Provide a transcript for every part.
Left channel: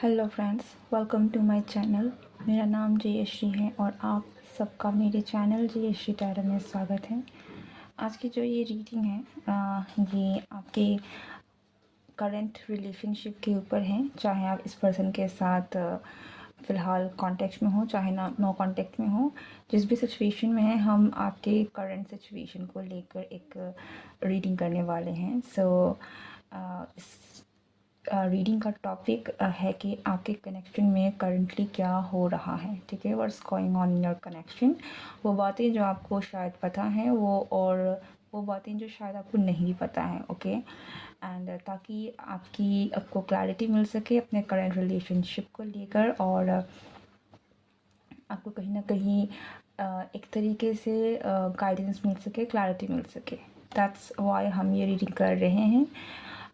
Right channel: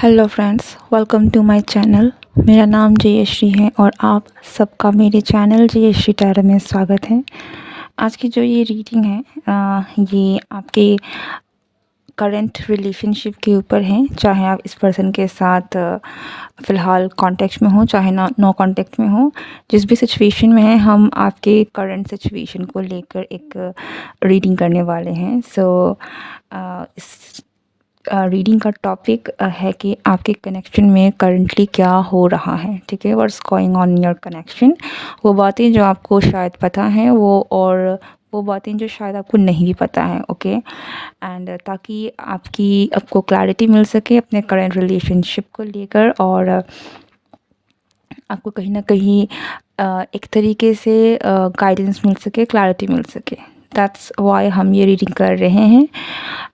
Hello friends, welcome to my channel. मेरा नाम जयश्री है और आप सबका मेरे चैनल जयश्री टैरो में स्वागत है। आज की जो ये रीडिंग है ये आपके करंट रिलेशनशिप के ऊपर है। चाहे आप इस पर्सन के साथ फ़िलहाल कांटेक्ट में हो, चाहे ना नो कांटेक्ट में हो, जिस भी सिचुएशन में है, हम आपके करंट सिचुएशन को लेकर एक रीडिंग करने वाले हैं। इस रीडिंग का टॉपिक है कि आपके कनेक्शन में करंटली क्या हो रहा है। ठीक है, what's going on in your connection. वो बातें जो आपको शायद पता हैं, वो बातें जो शायद आपको नहीं भी पता है। ओके, एंड ताकि आपको क्लैरिटी मिल सके अपने करंट रिलेशनशिप को लेकर, और आपको कहीं ना कहीं एक तरीके से गाइडेंस मिल सके, क्लैरिटी मिल सके। दैट्स वाई हम ये रीडिंग कर रहे हैं।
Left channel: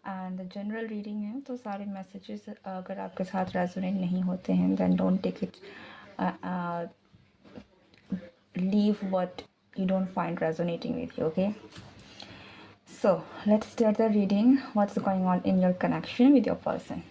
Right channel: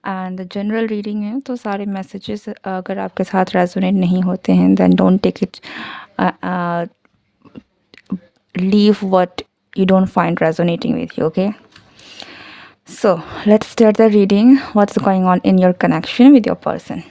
एंड जनरल रीडिंग है, तो सारे मैसेजेस अगर आपके साथ रेजोनेट नहीं होते हैं, then don't take it, leave what you don't find resonating with you. Okay, so let's start the reading. What's going on in your connection with your person?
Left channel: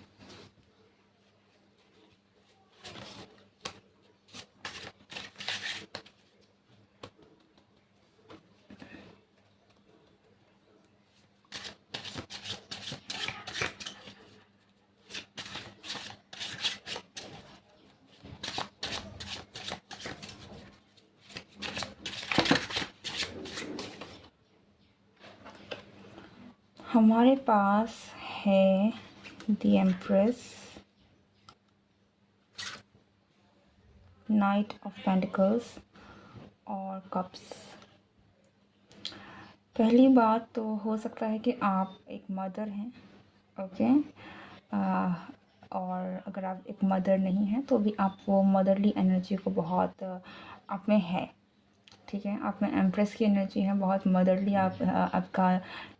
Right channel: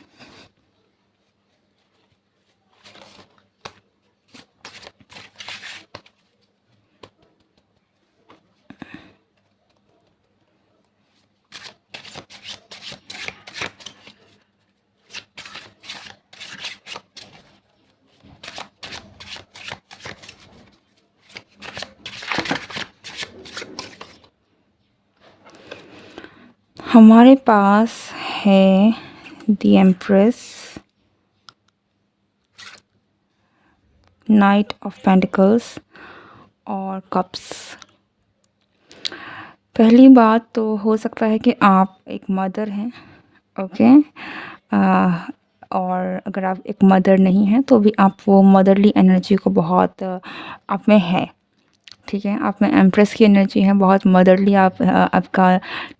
हमारे पास है the empress, night of pentacles और cups. पहली बात तो हो सकता है कि आप एक मदर हैं। ओके, और अगर आप एक मदर नहीं हैं तो भी आप वो मदरली एनर्जी को बहुत आप में है। ठीक है, आप में एम्प्रेस की एनर्जी है, बहुत मदरली आपका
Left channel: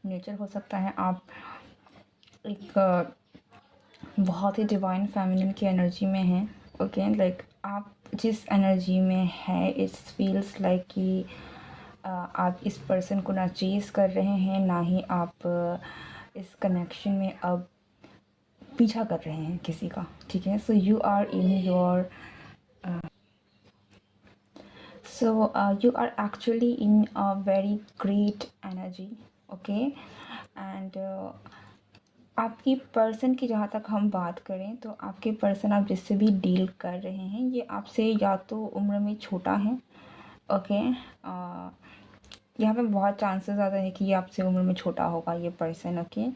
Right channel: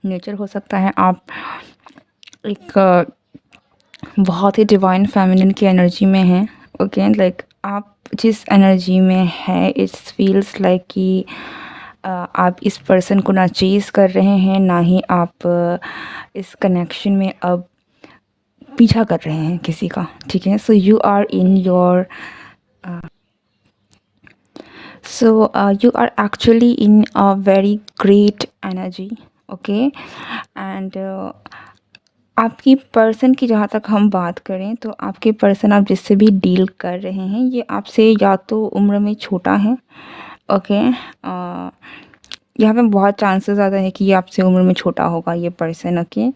नेचर हो सकता है। आप एक बहुत ही डिवाइन फेमिनिन की एनर्जी में हैं। ओके, लाइक आप जिस एनर्जी में है, इट्स फील्स लाइक कि आप इस पर्सन को ना चेज़ कर रहे हैं, ना ही आप इस कनेक्शन में अब पीछा कर रहे हैं किसी का। ठीक है, so you are in your you are actually in a very great energy. Okay, and आपकी पर्सन की जहाँ तक हम बात करें तो आपके पर्सन, आप जिससे भी डील कर रहे हैं, ये आपसे या तो उम्र में छोटा है। ओके, यहाँ पे बहुत चांसेस ज़्यादा है कि ये आपसे उम्र में छोटा होगा ये पर्सन। ओके,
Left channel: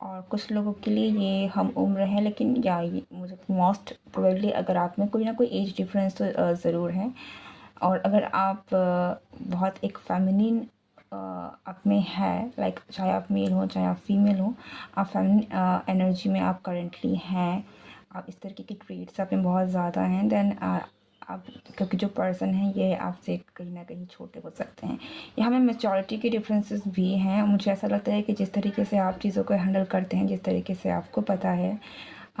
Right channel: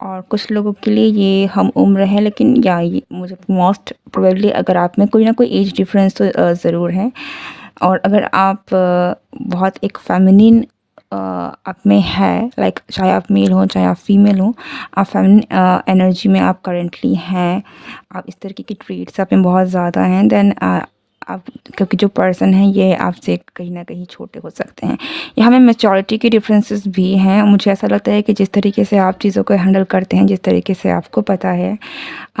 और कुछ लोगों के लिए ये हम उम्र है, लेकिन या ये मुझे मोस्ट प्रोबेबली अगर आप में कोई ना कोई एज डिफरेंस तो ज़रूर है। और अगर आप बहुत एक फेमिनिन आप में है, लाइक चाहे आप मेल हो चाहे आप फीमेल हो, आप फेमिनिन एनर्जी में आप करेंटली हैं, आप इस तरीके की ट्रेट्स आप में बहुत ज़्यादा हैं, देन आप, क्योंकि जो पर्सन है ये आपसे कहीं ना कहीं छोटे हो सकते हैं। यहाँ में मैच्योरिटी के डिफरेंसेस भी हैं। मुझे ऐसा लगता है कि जिस तरीके से आप चीज़ों को हैंडल करते हैं, जिस तरीके से आपको पता है,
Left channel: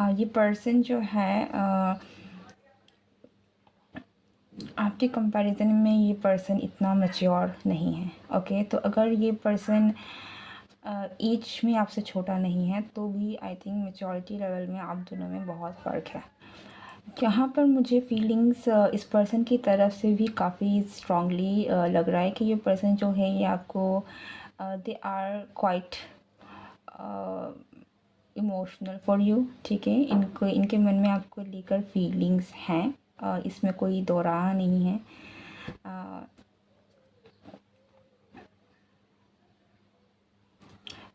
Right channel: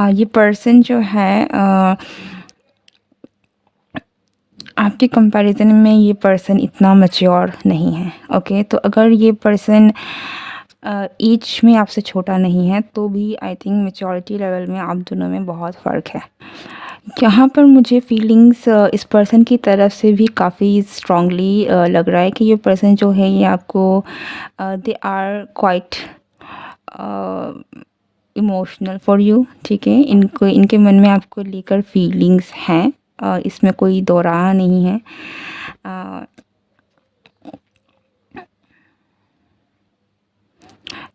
ये पर्सन जो है आपके कंपैरिजन में ये पर्सन इतना मैच्योर नहीं है। ओके, तो अगर ये पर्सन एज में आपसे छोटा नहीं है तो भी आई थिंक मैच्योरिटी लेवल में आप दोनों में बहुत फ़र्क है। यहाँ पर मुझे फीलिंग्स इस पर्सन की तरफ से भी काफ़ी स्ट्रांगली लग रहा है कि ये पर्सन जो है ये आपको they are quite emotional for you. ठीक है, इनके मन में आपको लेकर फीलिंग्स हैं, इसमें कोई दो राह नहीं है।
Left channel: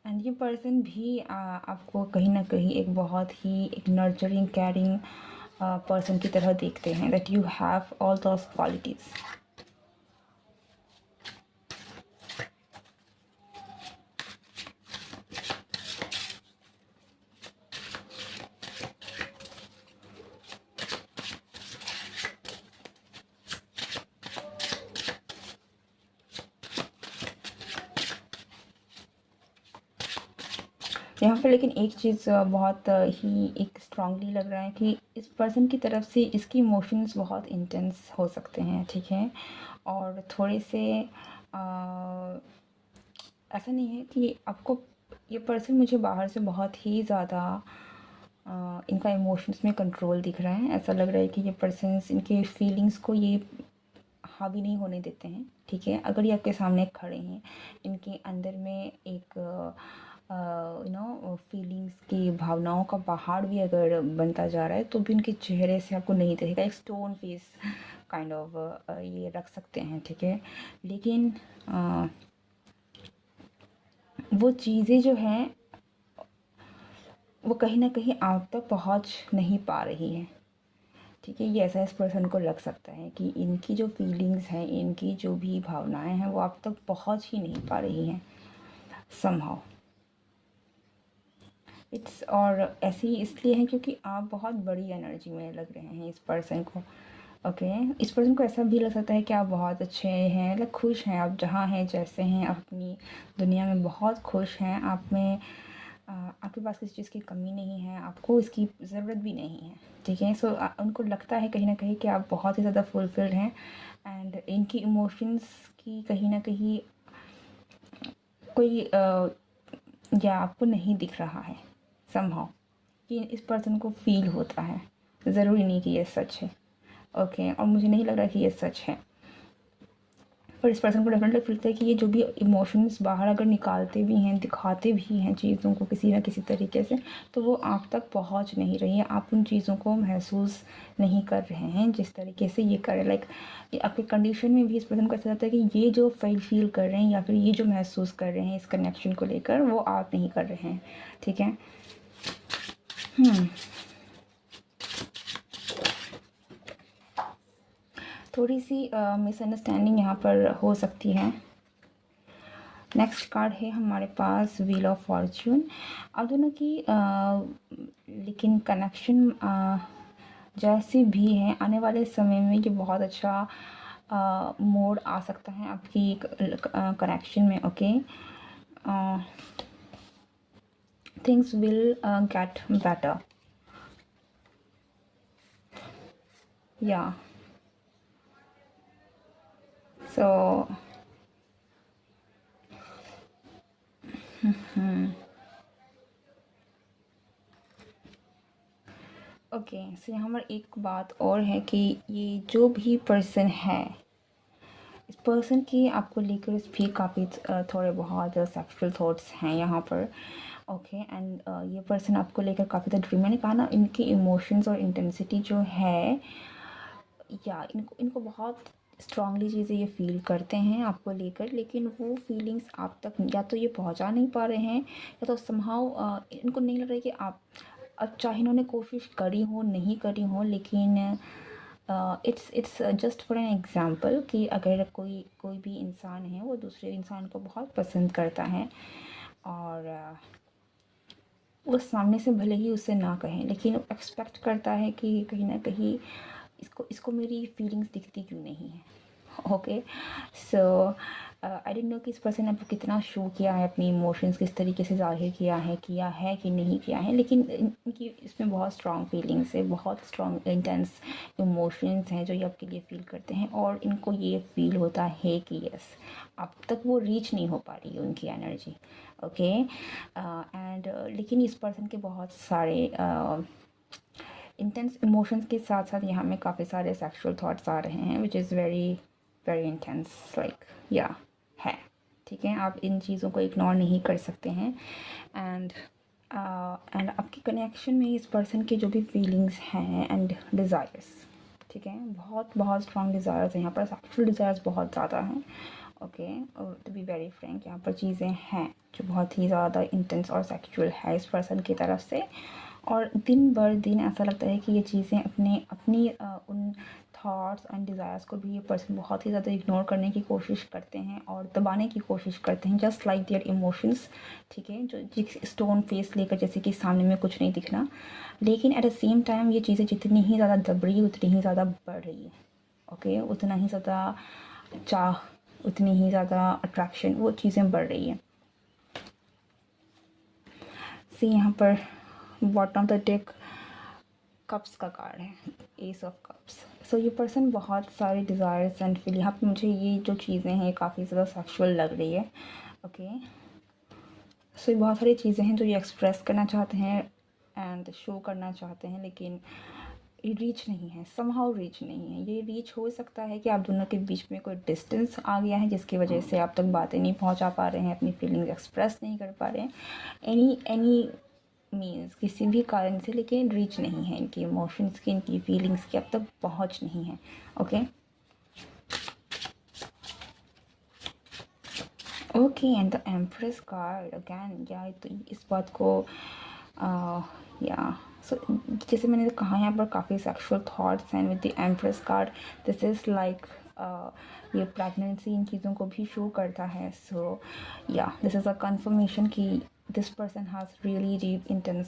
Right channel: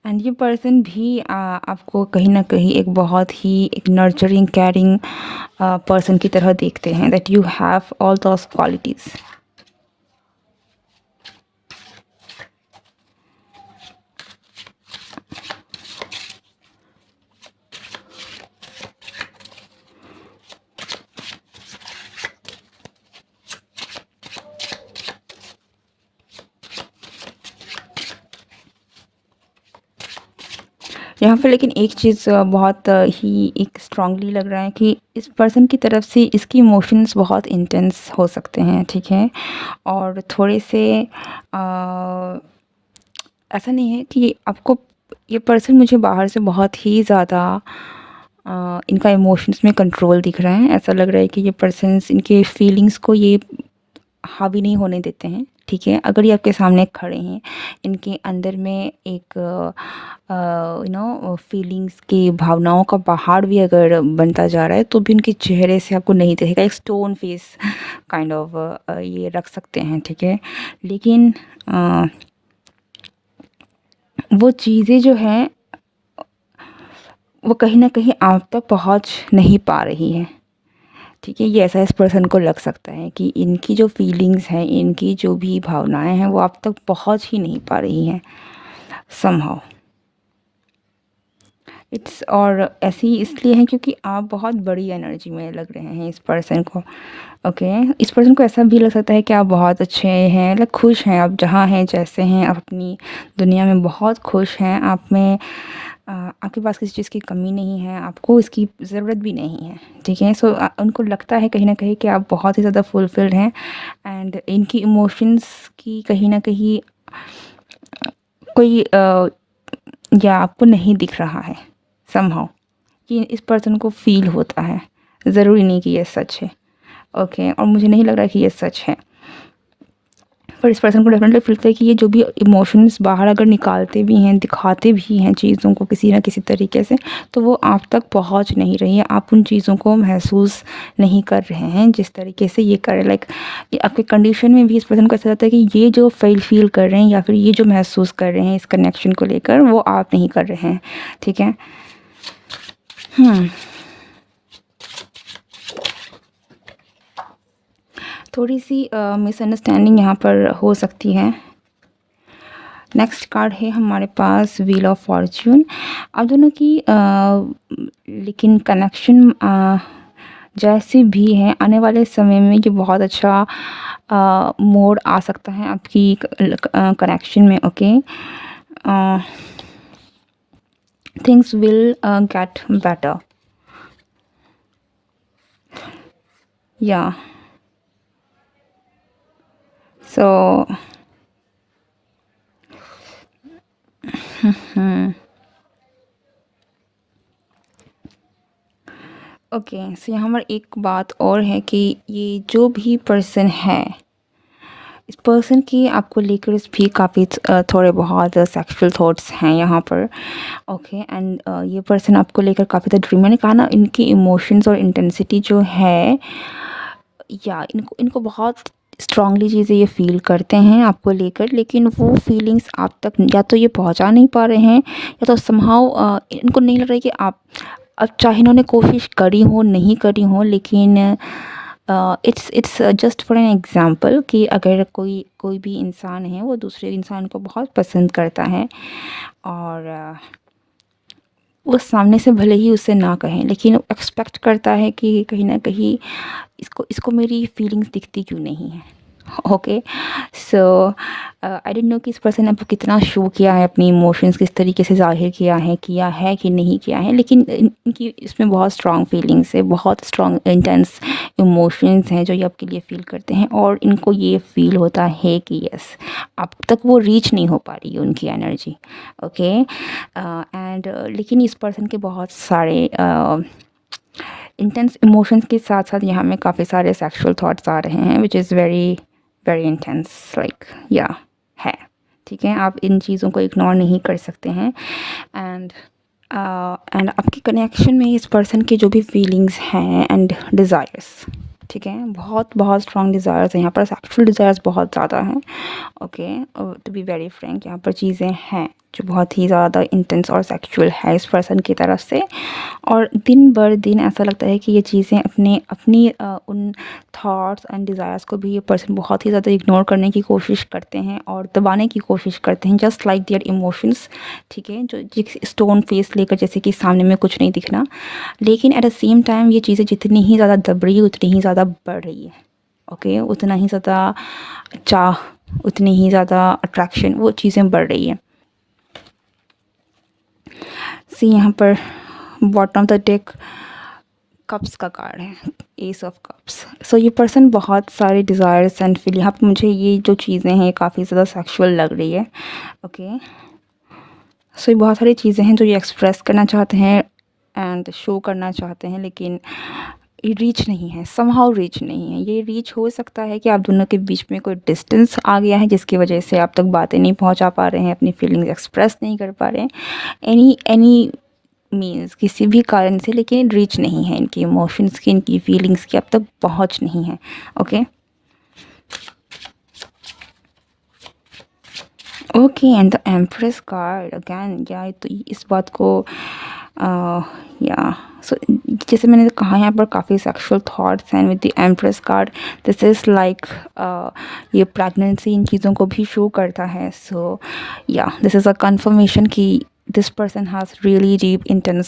एंड ये पर्सन भी आपको कहीं ना कहीं एक बहुत ही एक नर्चरिंग केयरिंग पर्सन की तरह देखते हैं, that you have all those qualities. यहाँ पे लेकिन एक चीज़ बहुत ही एक स्ट्रांगली लग रहा है कि इस पर्सन की तरफ से इसकी इमोशंस बहुत इंटेंस हो सकते हैं। ठीक है, और थोड़े से ऐसा नहीं है कि आपको ये पर्सन मुझे बाहर से बहुत ही ज़्यादा इनका इमोशंस में कंट्रोल दिख रहा है। ऐसा लग रहा है कि ये पर्सन्स इनके फीलिंग्स को ये हावी नहीं होने देते हैं, ठीक है। अगर ये आपके सामने खड़े हैं, इनके अंदर में एक फीलिंग्स की भावनाओं का पहाड़ भी अगर बनता जा रहा है तो भी उनके चेहरे से आपको नहीं दिखेगा, एक स्टोन फेस काइंड ऑफ ये रख सकते हैं, ठीक है। लेकिन वो चीज़ें जो हैं वो कहीं न कहीं आप तक पहुँच नहीं पा रही हैं, ठीक है। ये ऐसा इस पर्सन को लग सकता है कि इनकी जो फीलिंग्स हैं, इनकी जो भी भावनाएँ हैं वो आप तक पहुँच ही नहीं पा रही हैं समहाउ। इट्स और ऐसी इसलिए है क्योंकि आप बहुत बड़ी एनर्जी में लग रहे हैं इस पर्सन को, ओके। इस पर्सन को ऐसा भी लग सकता है कि आप बहुत अच्छे हैं, लाइक खुश हैं, आप जहाँ हैं, जैसे हैं, आप अपनी दुनिया में बहुत खुश हैं। आप में आपके पास किसी चीज़ की कमी नहीं है, आपको इसकी ज़रूरत भी नहीं है, ठीक है। सो उनको लगता है कहीं न कहीं कि आप बहुत ही ज़्यादा फुलफिल्ड हैं एंड इनकी इमोशंस की कहीं न कहीं कोई या आपको नहीं दिख रहा है समहाउ। ये इस पर्सन को फ़ील होता है, ज़रूरी नहीं कि ये सच है, ओके। और मुझे नहीं लग रहा कि ये सच है, पर इस पर्सन को डेफिनेटली फील होता है कि ये जो भी इमोशंस बाहर अगर निकालते भी हैं, दिखाते भी हैं चीज़ों को किसी न किसी तरीके से, तो वो आप तक पहुंच नहीं रही है, आप उन चीज़ों को महसूस नहीं कर रहे हैं जिस तरीके से ये कर रहे हैं। लाइक आपके कंडीशन में भी इस पर्सन को ऐसा लगता है कि ये जो फील कर रहे हैं या फिर ये जो महसूस कर रहे हैं इस कनेक्शन को लेकर, वो आप नहीं कर रहे हैं, ठीक है। थोड़ी सी मिसअंडरस्टैंडिंग यहाँ पर हो सकती है। नेक्स्ट कार्ड है हमारे पास व्हील ऑफ फॉर्च्यून। आप दोनों की लेकिन कनेक्शन जैसी भी है, आने वाले समय में ये बहुत अच्छा मोड़ आ सकता है आपकी कनेक्शन में, okay. Things will get better, या सो ओके। सो यहाँ पर एक बात और है कि ये जो भी पर्सन है, इस पर्सन की आपको लेकर भी काफ़ी थोड़े बहुत सेक्सुअल थॉट्स हैं यहाँ पर, ओके। एंड ये पर्सन आपको लेकर काफ़ी ज़्यादा ड्रीम, मैंने कहा ना, इनकी इमोशंस और इंटेंसिटी जो है, या इनको बहुत स्ट्रांगली चीज़ें ये फ़ील करते हैं आपको लेकर, लेकिन वो फीलिंग्स आप तक या तो ये पहुंचा नहीं पा रहे हैं, या तो समहाउ इनको नहीं लग रहा है कि आप, अब चाहे इन्होंने कोशिश करी हो नहीं करी हो, लेकिन it's just for an example कि अगर कोई भी इंसान है वो दूसरे इंसान को बहुत पसंद करता है और वो सामने से भले ही उससे ना कहें, लेकिन एक्सपेक्ट करता है कि कहीं ना कहीं इसको इसको मेरी फीलिंग्स दिखती क्यों नहीं है, okay. So I don't know कि इस पर्सन ने आपको कितना शो किया है, अपनी इमोशंस किस तरीके से ज़ाहिर किया है कि नहीं किया है, लेकिन इनकी इसमें बहुत स्ट्रॉन्ग फीलिंग्स है, बहुत स्ट्रॉन्ग इंटेंस इमोशंस हैं जो ये आपके लिए फ़ील करते हैं, और इनको ये फ़ील होता है कि यस, आप तक वो रीच नहीं हो पा रही है उनकी एनर्जी, ओके। एंड लेकिन इस पर्सन के बहुत सारे इंटेंस इमोशंस के साथ साथ यहाँ में काफ़ी सारे सेक्सुअल थॉट्स आ रहे हैं, which is very very intense, like या है, ठीक है। आप इन चीज़ों को इग्नोर नहीं कर सकते हैं। एंड आपकी कनेक्शन में इस पर्सन के जो भी फीलिंग्स हैं एंड डिज़ायर्स, ठीक है, बहुत बहुत स्ट्रॉन्ग डिज़ायर्स हैं यहाँ पर, सेक्सुअल डिज़ायर्स बहुत ज़्यादा हैं, okay. To be very frank, यहाँ पर चीज़ें हैं जो बहुत ही ज़्यादा इंटेंस और सेक्सुअल है इस पर्सन की तरफ से, और दिन बर दिन ऐसा लगता है कि ये चीज़ें अपनी उन थॉट्स एंड डिज़ायर्स को भी ये पर्सन बहुत ही ज़्यादा इग्नोर करने की कोशिश करते हैं और दबाने की कोशिश करते हैं, जस्ट लाइक देयर इमोशंस, ठीक है। जो स्टोन फेस लेकर, जैसे कि सामने में कुछ नहीं दिखना, लेकिन एट द सेम टाइम ये चीज़ें जितनी ही ज़्यादा दब रही है उतनी ही ज़्यादा बढ़ रही है, ओके। उतना ही ज़्यादा चाह, उतनी ही ज़्यादा अट्रैक्शन, वो चीज़ें बढ़ रही है। सी यहाँ पर bottom of the deck cups का कार्ड है, एस ऑफ कप्स। सो ये पर्सन बहुत सारे डिज़ायर्स एंड फील, यहाँ पर मुझे ये जो चीज़ें हैं काफ़ी ज़्यादा सेक्सुअल लग रही है, ओके। सो ये बहुत सारी चीज़ें हैं जो ये एक्सप्रेस करना चाहते हैं एंड शो करना चाहते हैं, लेकिन ये रीच नहीं है, समहाउ रीच नहीं है। ये रीच हो सकता है कि आप दोनों के बीच में कोई डिस्टेंस आ गया है, जिसकी वजह से आप तक बातें नहीं पहुंचा पा रहे हैं, अपनी फीलिंग्स एक्सप्रेस नहीं कर पा रहे हैं, एनी मीन्स किसी भी कारण से, लेकिन रीच नहीं है इनकी इमोशंस की, इनकी फीलिंग्स की अब तक पहुंच नहीं है। Okay okay, and the empress card again, या तो इस बात को या सो जैसे मैंने कहा यहाँ पर काफ़ी सेक्सुअल थॉट्स हैं with the empress card. This is like ये प्रेगनेंसी इन चीज़ों को भी शो करता है। So yeah this is a confirmation कि this person has really deep intense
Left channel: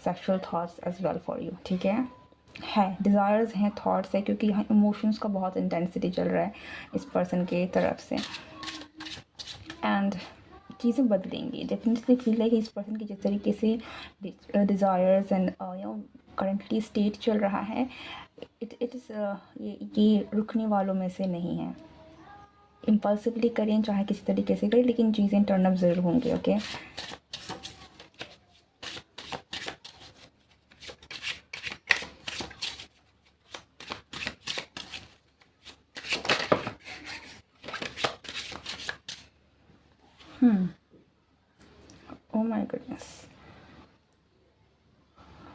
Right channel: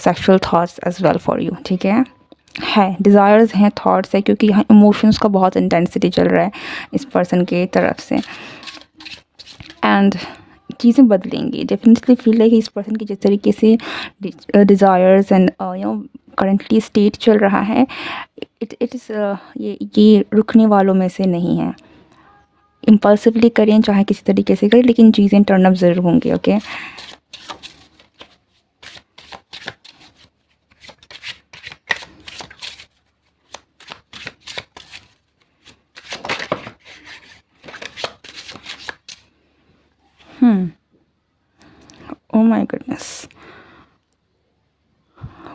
sexual thoughts as well for you. ठीक है डिज़ायर्स हैं, थॉट्स है, क्योंकि यहाँ इमोशंस का बहुत इंटेंसिटी चल रहा है इस पर्सन के तरफ से। एंड चीज़ें बदलेंगी, डेफिनेटली फील है कि इस पर्सन की जिस तरीके से डिज़ायर्स एंड करंटली स्टेट चल रहा है, इट इज़ ये रुकने वालों में से नहीं है। इम्पल्सिवली करें चाहे किसी तरीके से करें, लेकिन चीज़ें टर्न अप ज़रूर होंगी। Okay oh my goodness,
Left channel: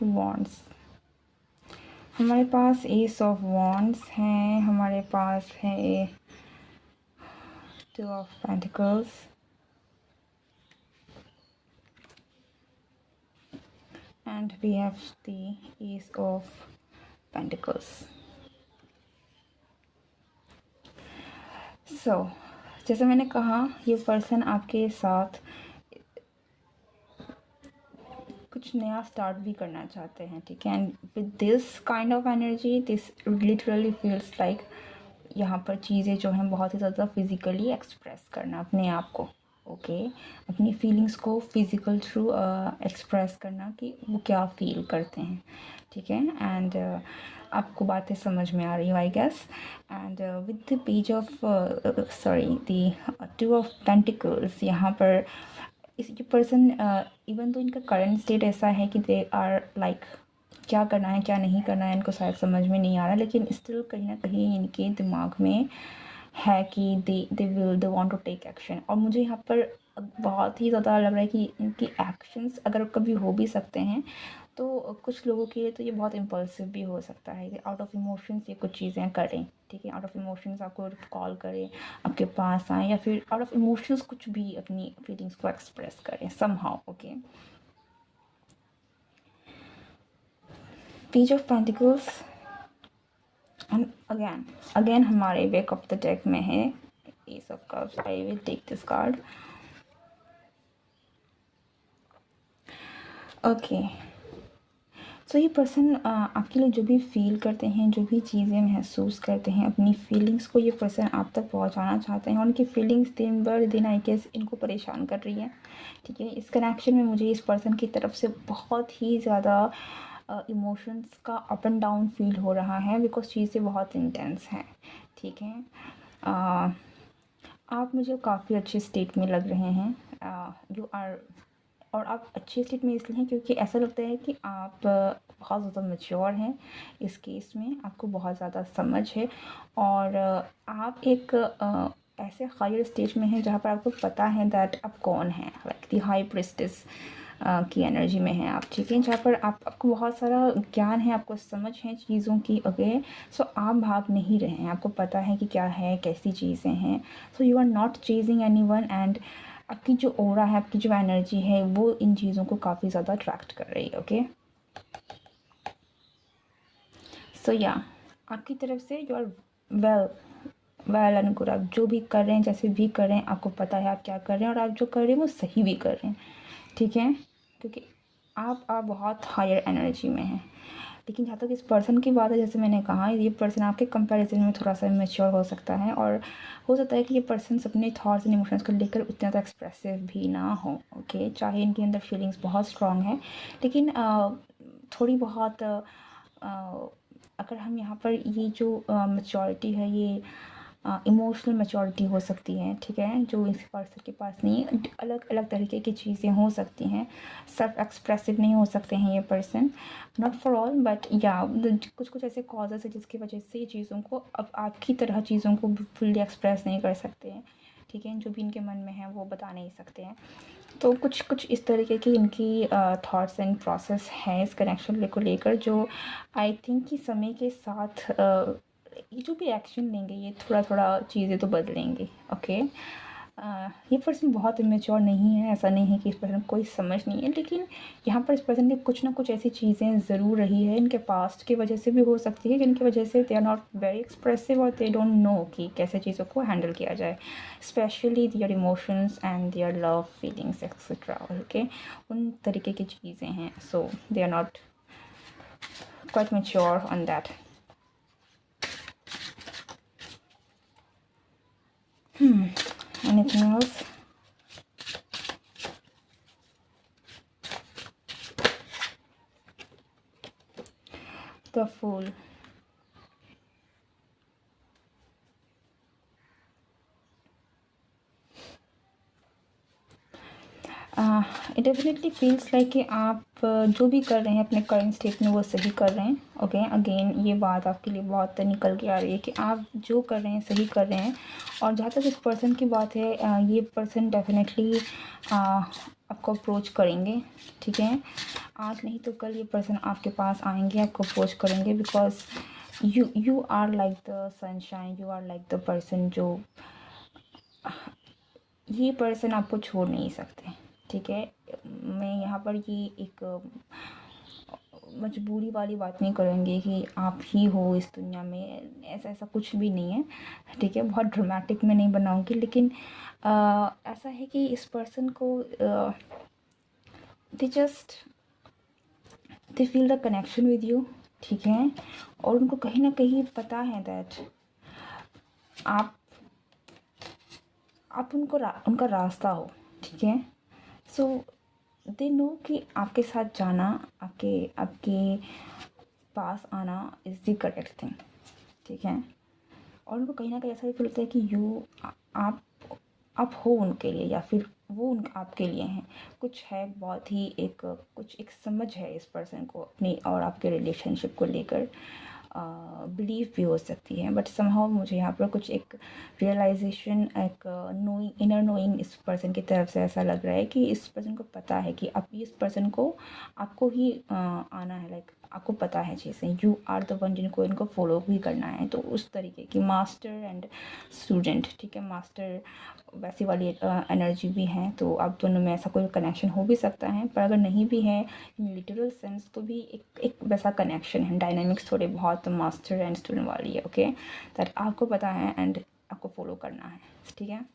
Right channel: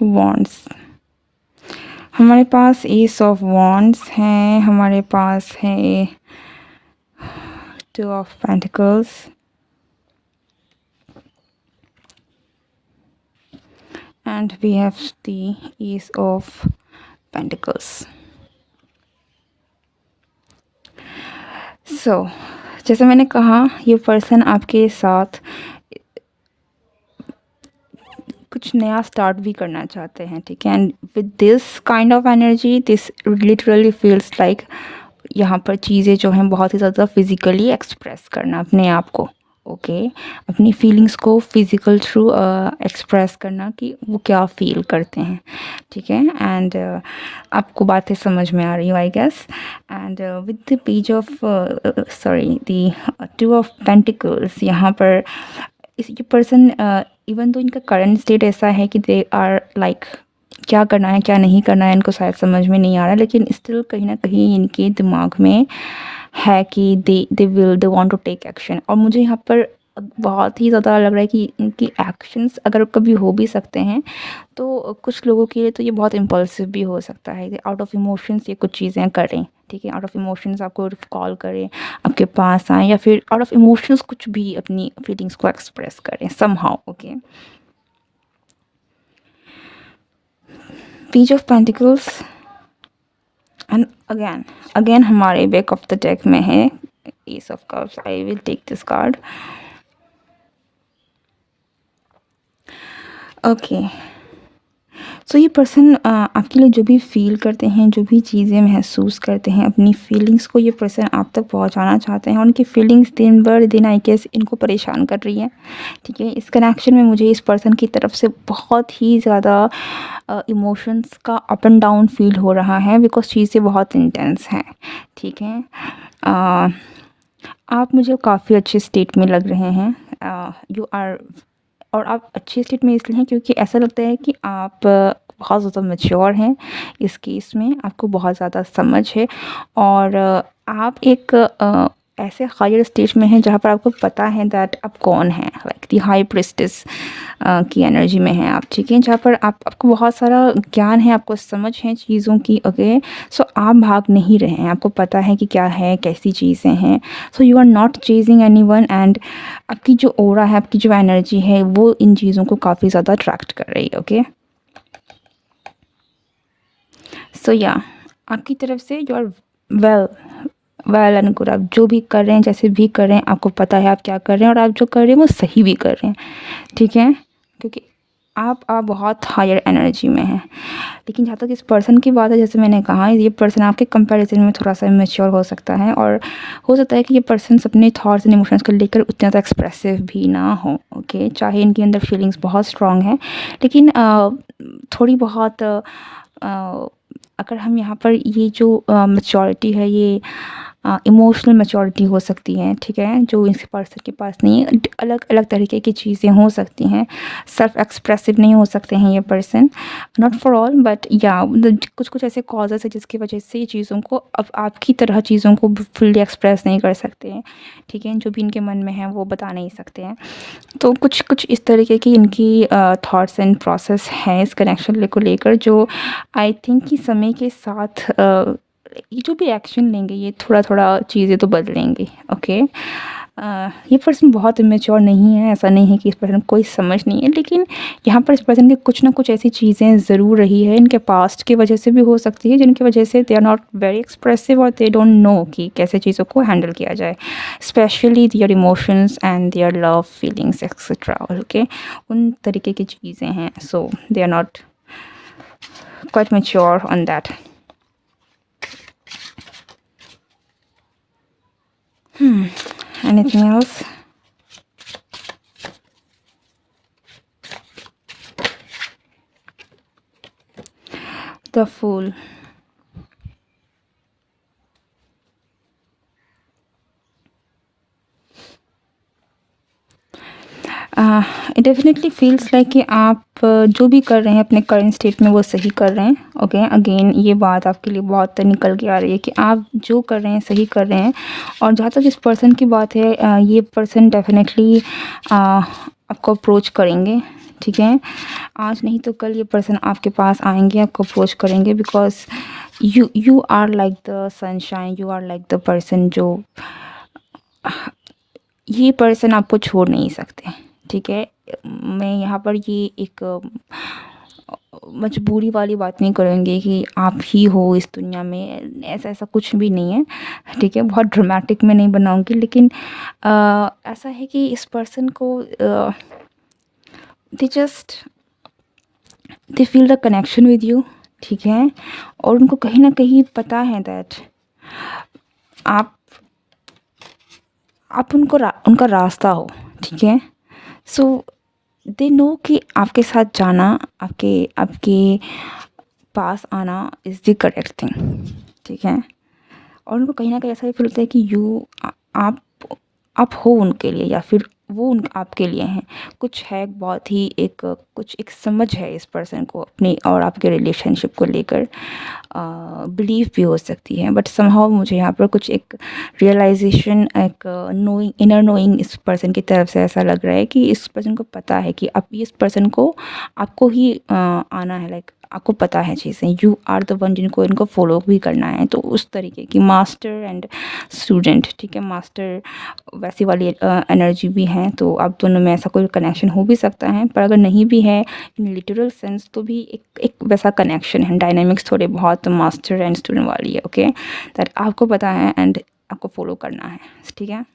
wands, हमारे पास एस ऑफ वॉन्ड्स हैं, हमारे पास है to of pentacles, and we have the ace of pentacles. So जैसे मैंने कहा, ये पर्सन आपके साथ कुछ नया स्टार्ट भी करना चाहते हैं। ठीक है, and with this kind of energy this literally feels like यहाँ पर चीज़ें जो हैं बहुत ही ज़्यादा फिज़िकली एक्सप्रेस करना अपने आप को। ओके अपनी फीलिंग्स को फिज़िकल थ्रू एक्सप्रेस करना कि वो क्या फील करते हैं। ठीक है, एंड आपको बातें समझ में आ रही हो I guess. And with the page of sorry the two of pentacles, यहाँ पर इस ये पर्सन इवन तो इनका करंट स्टेट ऐसा है कि दे आर लाइक क्या करना है क्या नहीं करना है इनको शायद समझ में नहीं आ रहा, लेकिन स्टिल कहीं ना कहीं इनके दिमाग में है कि they want to take action. और मुझे यहाँ पर बहुत ही ज़्यादा लग रहा है कि इनकी एक्शंस अगर कभी हो भी सकते हैं तो कुछ लोगों के लिए तो ये बहुत इम्पल्सिव भी हो सकता है कि आउट ऑफ इमोशंस ये कुछ चीज़ें करें। ठीक है, आउट ऑफ इमोशंस आपको कॉल करें, आपके पास आएँ, या फिर आउट ऑफ इमोशंस कुछ भी अपनी फीलिंग्स को एक्सप्रेस करें somehow. Okay page of pentacles, and again हमारे बैक ऑफ द डेक में है ace of cups. I will take this card. Okay so ये पर्सन आपके लिए जो भी फील करते हैं, जो भी चीज़ें महसूस करते हैं, अपनी फीलिंग्स को ये पर्सन आप तक पहुंचाना चाहते हैं। उनकी फीलिंग्स दिन बर दिन आई गेस इनको परेशान कर रही है। ठीक है, इस कनेक्शन में मुझे इस पर्सन की तरफ से बहुत ही ज़्यादा इमोशंस का अप एंड डाउन फील हो रहा है, बिकॉज चीज़ें बहुत इंटेंस हैं। ठीक है, आप मुझे काफ़ी अच्छे स्टेट में लग रहे हैं। यू आर, और आप अच्छे स्टेट में इसलिए हैं क्योंकि ऐसा लगता है कि आप बहुत ज़्यादा मैच्योर हैं इस केस में, आपको बहुत ज़्यादा समझ है, और आप एक ऐसे हायर स्टेज में हैं जहाँ पर आपको पता है दैट आप कौन हैं, लाइक दी हाई प्रिस्टेस की एनर्जी में हैं आप। ठीक है, जहाँ पर आपको बहुत सारा ज्ञान है, आपको समझ है चीज़ों की। ओके सो आप भाग नहीं रहे हैं, आपको पता है कि क्या है, कैसी चीज़ें हैं। So you are not chasing anyone, and आपकी जो ओरा है, आपकी जो एनर्जी है, वो इन चीज़ों को काफ़ी ज़्यादा अट्रैक्ट कर रही है। ओके सो या आपकी तरफ से you are well and good. आप जो भी कर रहे हैं, जैसे भी कर रहे हैं, आपको पता है आप क्या कर रहे हैं, और आप जो कर रहे हैं वो सही भी कर रहे हैं। ठीक है, क्योंकि आप बहुत हायर एनर्जी में हैं। लेकिन जहाँ तक इस पर्सन की बात है, जैसे मैंने कहा, ये पर्सन आपके कंपैरिजन में थोड़ा सा मैच्योर हो सकता है, और हो सकता है कि ये पर्सन अपने थॉट्स एंड इमोशंस को लेकर उतना ज़्यादा एक्सप्रेसिव भी ना हो। ओके चाहे इनके अंदर फीलिंग्स बहुत स्ट्रॉन्ग है, लेकिन थोड़ी बहुत अगर हम यहाँ पर ये जो मैच्योरिटी है, ये इमोशनल मैच्योरिटी हो सकती है, ठीक है, जो इस पर्सन के पास नहीं है। अलग अलग तरीके की चीज़ें हो सकती हैं। सेल्फ एक्सप्रेसिव नहीं हो सकते हैं ये person, not for all, but या कुछ कुछ ऐसे कॉजेज़ है जिसकी वजह से ये चीज़ों को अब आपकी तरह चीज़ों को फुल्ली एक्सप्रेस नहीं कर सकते हैं, ठीक है, जो भी इनके मन में है वो बता नहीं सकते हैं। तो कुछ कुछ इस तरीके की इनकी थॉट्स एंड प्रोसेस है इस कनेक्शन को लेकर, जो आई थिंक कि समय के साथ ये जो भी एक्शन लेंगे ये थोड़ा थोड़ा चीज़ें तो बदलेंगी। ओके, ये पर्सन बहुत इमेच्योर नहीं है, ऐसा नहीं है कि इस पर्सन को कोई समझ नहीं है, लेकिन यहाँ पर इस पर्सन की कुछ ना कुछ ऐसी चीज़ें ज़रूर रही है इनके पास्ट की वजह से भी हो सकती है, जिनकी वजह से they are not very expressive और दे डोंट नो कि कैसे चीज़ों को हैंडल किया जाए, specially their emotions and their love feelings etcetera. Okay, उन तरीके की चीज़ें हैं, so they are not quite mature on that. Anything else? The Fool. It definitely feels like कि आप जो भी कर रहे हैं अपने करंट स्टेट में वो सही कर रहे हैं। ओके, अगेन ये बात आपके लिए बहुत निकल के आ रही है कि आप जो कर रहे हैं सही कर रहे हैं। और जहाँ तक इस पर्सन की बात है, ये पर्सन डेफिनेटली आपको अप्रोच करेंगे, ठीक है, आज नहीं तो कल ये पर्सन आपके पास आएंगे, आपको अप्रोच करेंगे, because you are like the sunshine, you are like the person जो ये पर्सन आपको छोड़ नहीं सकते, ठीक है। मैं यहाँ पर ये एक मजबूरी वाली बात नहीं करूँगी कि आप ही हो इस दुनिया में, ऐसा ऐसा कुछ भी नहीं है, ठीक है, बहुत ड्रामेटिक में नहीं बनाऊँगी, लेकिन ऐसा है कि इस पर्सन को they just they feel the connection with you, ठीक है, और उनको कहीं ना कहीं पता है दैट आप उनका रास्ता हो, ठीक है। सो दे नो कि आपके साथ जाना, आपके आपके पास आना इज़ द करेक्ट थिंग, ठीक है। और उनको कहीं ना कहीं ऐसा भी फील होता है कि आप आप हो उनके लिए, या फिर वो उन आपके लिए हैं। कुछ है बहुत ही एक कुछ एक समझ है इस पर्सन को अपनी और आपके रिलेशनशिप को लेकर, बिलीव भी हो सकती है, बट समहाउ मुझे यहाँ पर कुछ एक रियलाइजेशन, एक नोइंग, इनर नोइंग इस पर्सन की तरफ से ऐसा लग रहा है कि इस पर्सन को पता है कि अब इस पर्सन को आपको ही आना है, लाइक आपको पता है चीज़ें, यू आर द वन जिनको इनको फॉलो भी करना है। तो उस तरीके की मास्टर एंड स्टूडेंट, ठीक है, मास्टर वैसी वाली एनर्जी भी है, तो आप दोनों में ऐसा कोई कनेक्शन हो भी सकता है, पर अगर नहीं भी है इन लिटरल सेंस तो भी एक वैसा कनेक्शन है, डायनामिक्स थोड़े बहुत मास्टर एंड स्टूडेंट वाली है। ओके, दैट आपको पता है एंड आपको फॉलो करना है, ठीक है।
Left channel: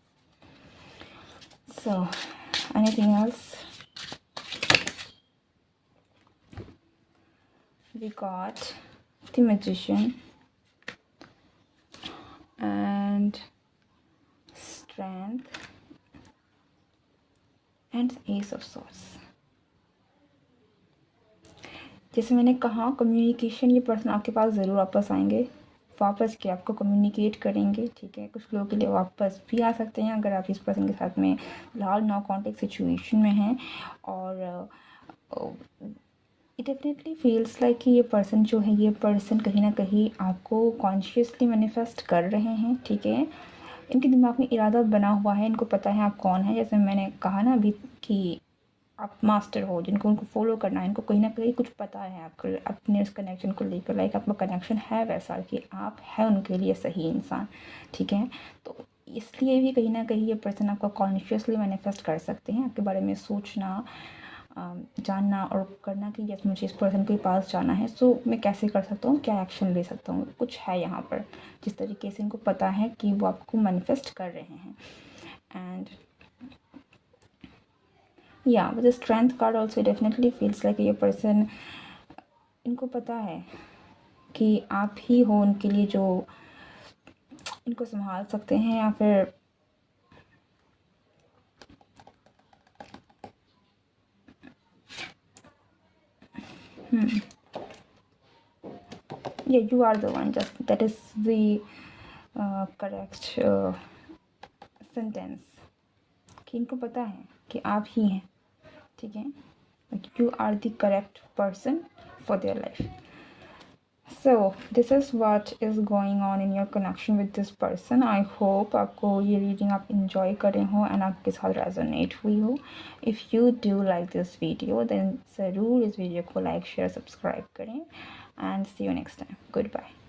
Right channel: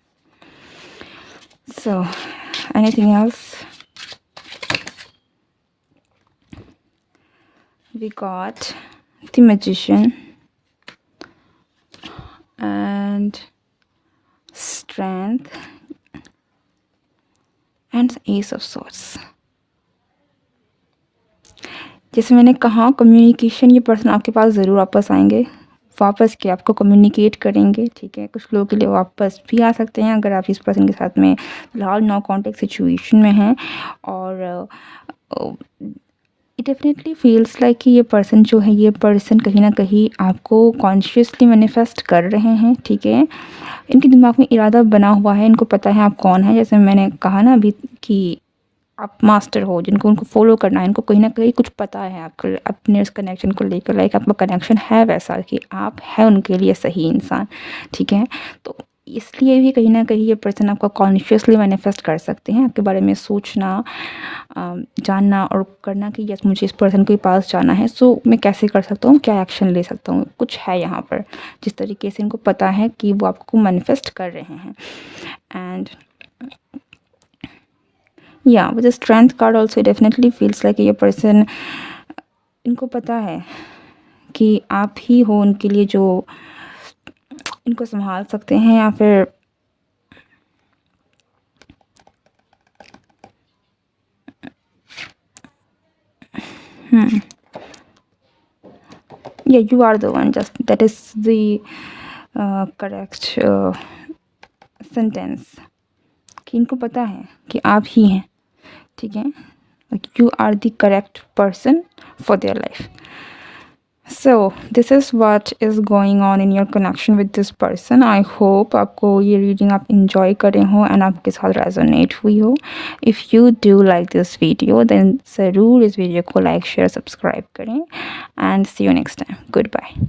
So anything else? We got the Magician and Strength and Ace of Swords. जैसे मैंने कहा, कम्युनिकेशन, ये पर्सन आपके पास ज़रूर वापस आएंगे, वापस के आपको कम्युनिकेट करेंगे, ठीक है। कुछ लोगों के लिए वापस भी आ सकते हैं अगर आप इस पर्सन के साथ में फिलहाल नो कॉन्टेक्ट सिचुएशन में हैं। और इट डेफिनेटली फील्स लाइक कि ये पर्सन जो है, ये पर्सन कहीं ना कहीं आपको कॉन्शियसली मैनिफेस्ट कर रहे हैं, ठीक है। इनके दिमाग में इरादा बना हुआ है, इनको पता है आप कौन है, जैसे मैंने कहा ना अभी कि आप मास्टर हो, जिनको उनको फॉलो करना है, इनको कहीं ना कहीं कुछ पता है आपको अपने उस कनेक्शन को लेकर, लाइक आपका कनेक्शन है वैसा कि आप है उनके लिए सही इंसान, ठीक है। तो इसलिए भी कहीं ना कहीं ये पर्सन आपको कॉन्शियसली मैनिफेस्ट कर सकते हैं, आपके बारे में सोचना, जानना और करना कि यस मुझे इस पर्सन के पास जाना है, सो मैं कैसे कर सकता हूँ, क्या एक्शन ले सकता हूँ, कुछ है यहाँ पर जिस तरीके से इनको पता है कि वो आपको मैनिफेस्ट कर रहे हैं। एंड या with the strength card also definitely feels like ये पर्सन, इनको पता है कि आप ही हो उनके लिए जो इनको संभाल सकते हैं, या फिर yeah, you are the one, just that is the correct sentence कि इनको पता है कि आप ही हैं, ठीक है, you are the correct person for their life. So this is what is going on in your connection with this person. I hope आपको ये रीडिंग आप इंजॉय करें हो एंड आपके साथ रेजोनेट हुई हो. If you do like this video then ज़रूर इस वीडियो को लाइक शेयर सब्सक्राइब करें and see you next time. Good bye.